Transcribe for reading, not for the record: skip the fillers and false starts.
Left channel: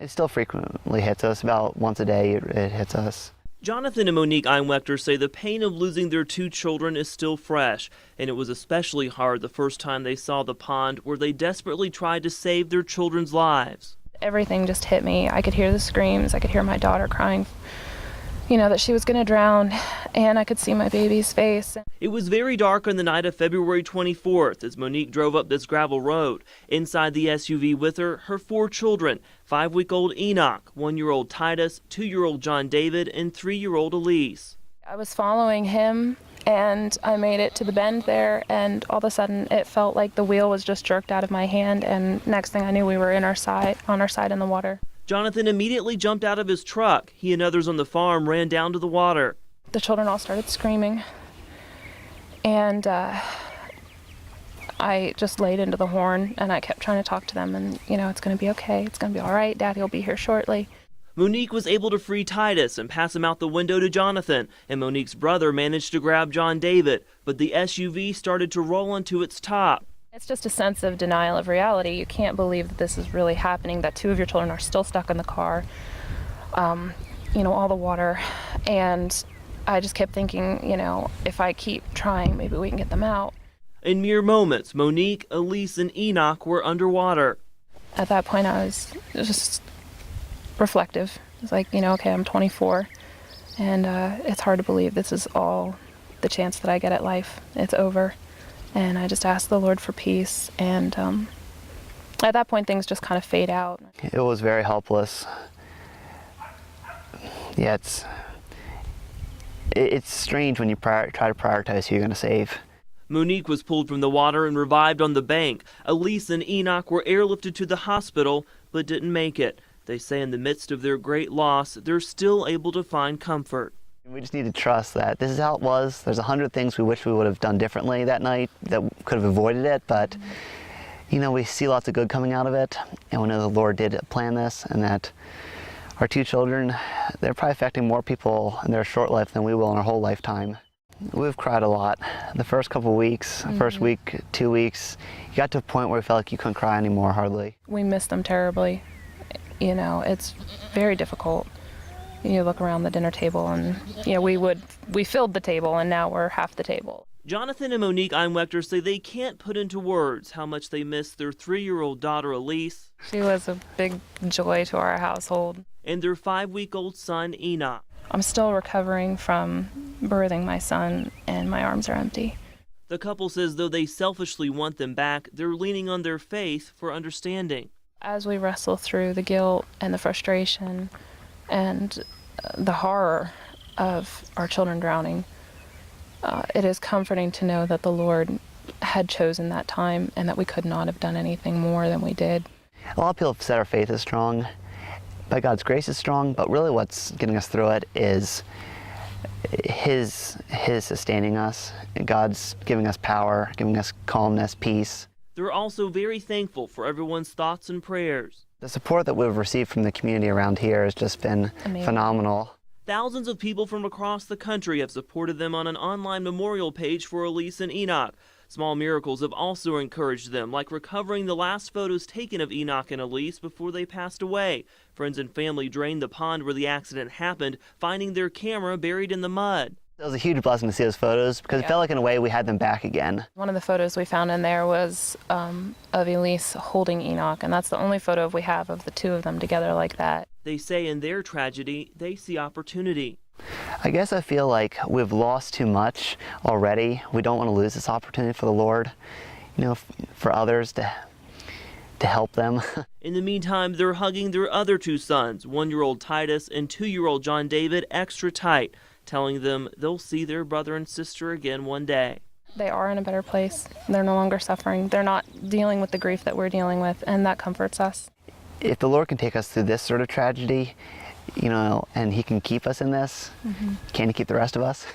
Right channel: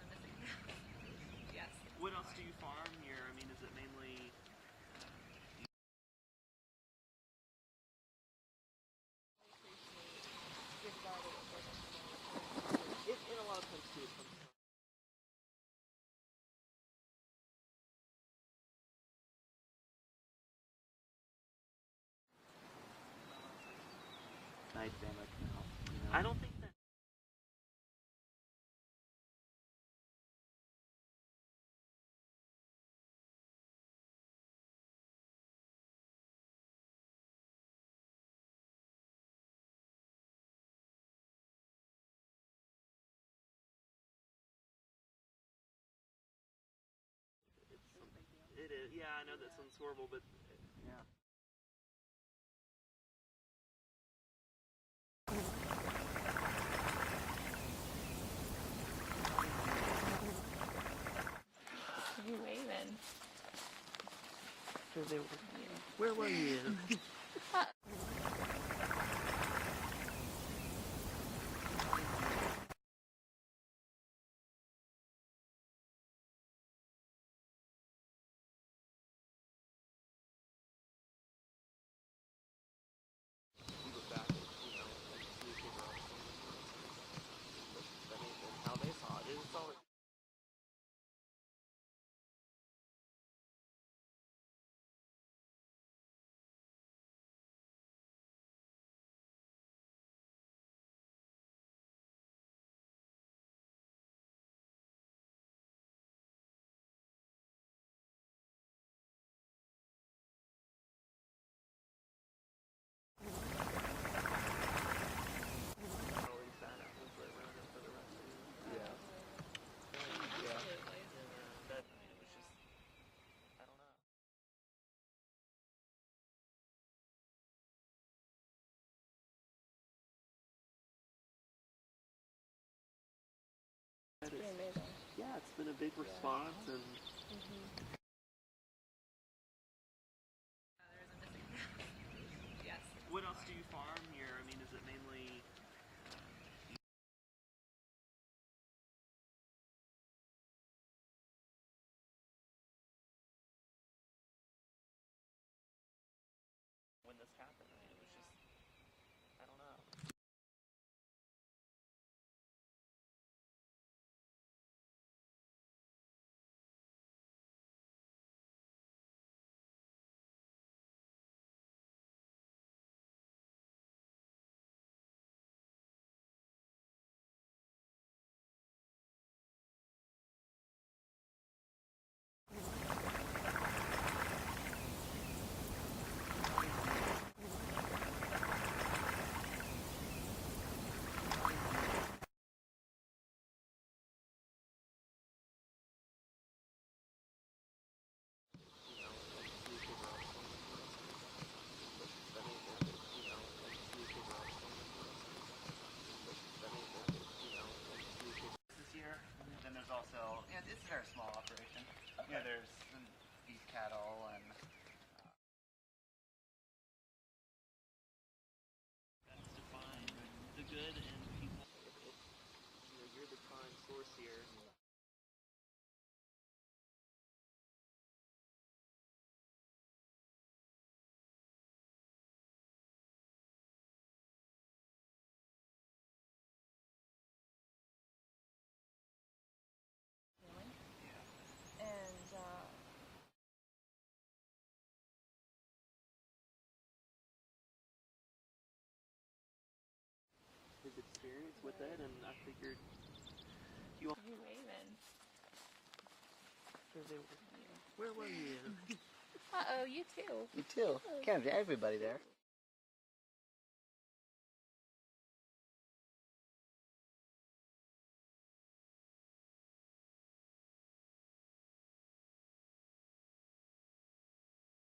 It still frequently hits us. About once a day it hits us. Jonathan and Monique Einwechter say the pain of losing their two children is still fresh, and it was especially hard the first time they saw the pond where they desperately tried to save their children's lives. Everything just hit me. I could hear the screams. I could hear my daughter crying, that she was going to drown, and I could see my baby's face. It was very dark on the night of February 24th as Monique drove up this gravel road. Inside the SUV with her, her 4 children, 5-week-old Enoch, 1-year-old Titus, 2-year-old John David, and 3-year-old Elise. I was following him, and I made it to the bend there, and all of a sudden it felt like the wheel was just jerked out of my hand, and next thing I knew we were on our side in the water. Jonathan immediately jumped out of his truck. He and others on the farm ran down to the water. The children all started screaming, and I just laid into the horn, and I kept trying to talk to them, and it's going to be okay, it's going to be all right, Daddy will be here shortly. Monique was able to free Titus and pass him out the window to Jonathan, and Monique's brother managed to grab John David, but the SUV started to roll onto its top. It's just a sense of denial of reality. You can't believe that this is really happening, that 2 of your children are still stuck in the car, all the water. And I just kept thinking, if I keep trying, maybe we can get them out. In mere moments, Monique, Elise, and Enoch were underwater. At that point, I was just reflective. It's like, okay, I'm 24, and it's hard to believe this is all the chance that I get at life. It's over. And I just asked the Lord for peace, and at that point things just kind of fade out. It was very helpless. Yeah, it's strange when you try to prioritize who you're going to save. Monique was pulled from the water and revived on the bank. Elise and Enoch were airlifted to the hospital, but didn't make it. They say in the midst of their great loss, they're still able to find comfort. We just need to trust that this is how it was. There's 100 things we wish we would have done differently that night that could have avoided it, but we see lots of good coming out of it, and we know the Lord did plan this, and that our 2 children, they're probably affecting more people in their short life than we will in our whole lifetime. We've cried a lot. The first couple of weeks, first week, 2 weeks, you got to a point where you felt like you couldn't cry anymore, hardly. We miss them terribly. It's very difficult. You look around the dinner table, and we filled the table, and now we're half the table. Jonathan and Monique Einwechter say they can't put into words how much they miss their 3-year-old daughter Elise. She was a big joy to our household. And their 5-week-old son Enoch. I'm still recovering from birthing my son, and my arms are empty. The couple says though they selfishly want them back, they're leaning on their faith for understanding. As we wrestle through the guilt and the frustration and the horror of our children drowning, it is comforting to know that the Lord had chosen that time and that we could not have done anything more than we did. A lot of people have said our faith is strong, but God's grace is strong, but really what's getting us through it is His sustaining us. God's giving us power, giving us calmness, peace. They're also very thankful for everyone's thoughts and prayers. The support that we've received from the community around here has just been phenomenal. Thousands of people from across the country have supported them on an online memorial page for Elise and Enoch. Small miracles have also encouraged them, like recovering the last photos taken of Enoch and Elise before they passed away. Friends and family drained the pond where the accident happened, finding their camera buried in the mud. It was a huge blessing to see those photos because it felt like in a way we had them back again. One of the photos we found in there was of Elise holding Enoch, and that's the only photo we have of the 2 of them together like that. They say in their tragedy, they see opportunity. I guess I feel like we've lost too much already. We don't want to lose this opportunity for the Lord, for others to help them. In the meantime, they're hugging their other 2 sons, 1-year-old Titus and 2-year-old John David, extra tight, telling them they'll see their brother and sister again one day. They are in a better place. They're no longer suffering. They're not dealing with the grief that we're dealing with, and that comforts us. If the Lord can take us through this sort of tragedy, and He can keep us in this, can He keep the rest of us?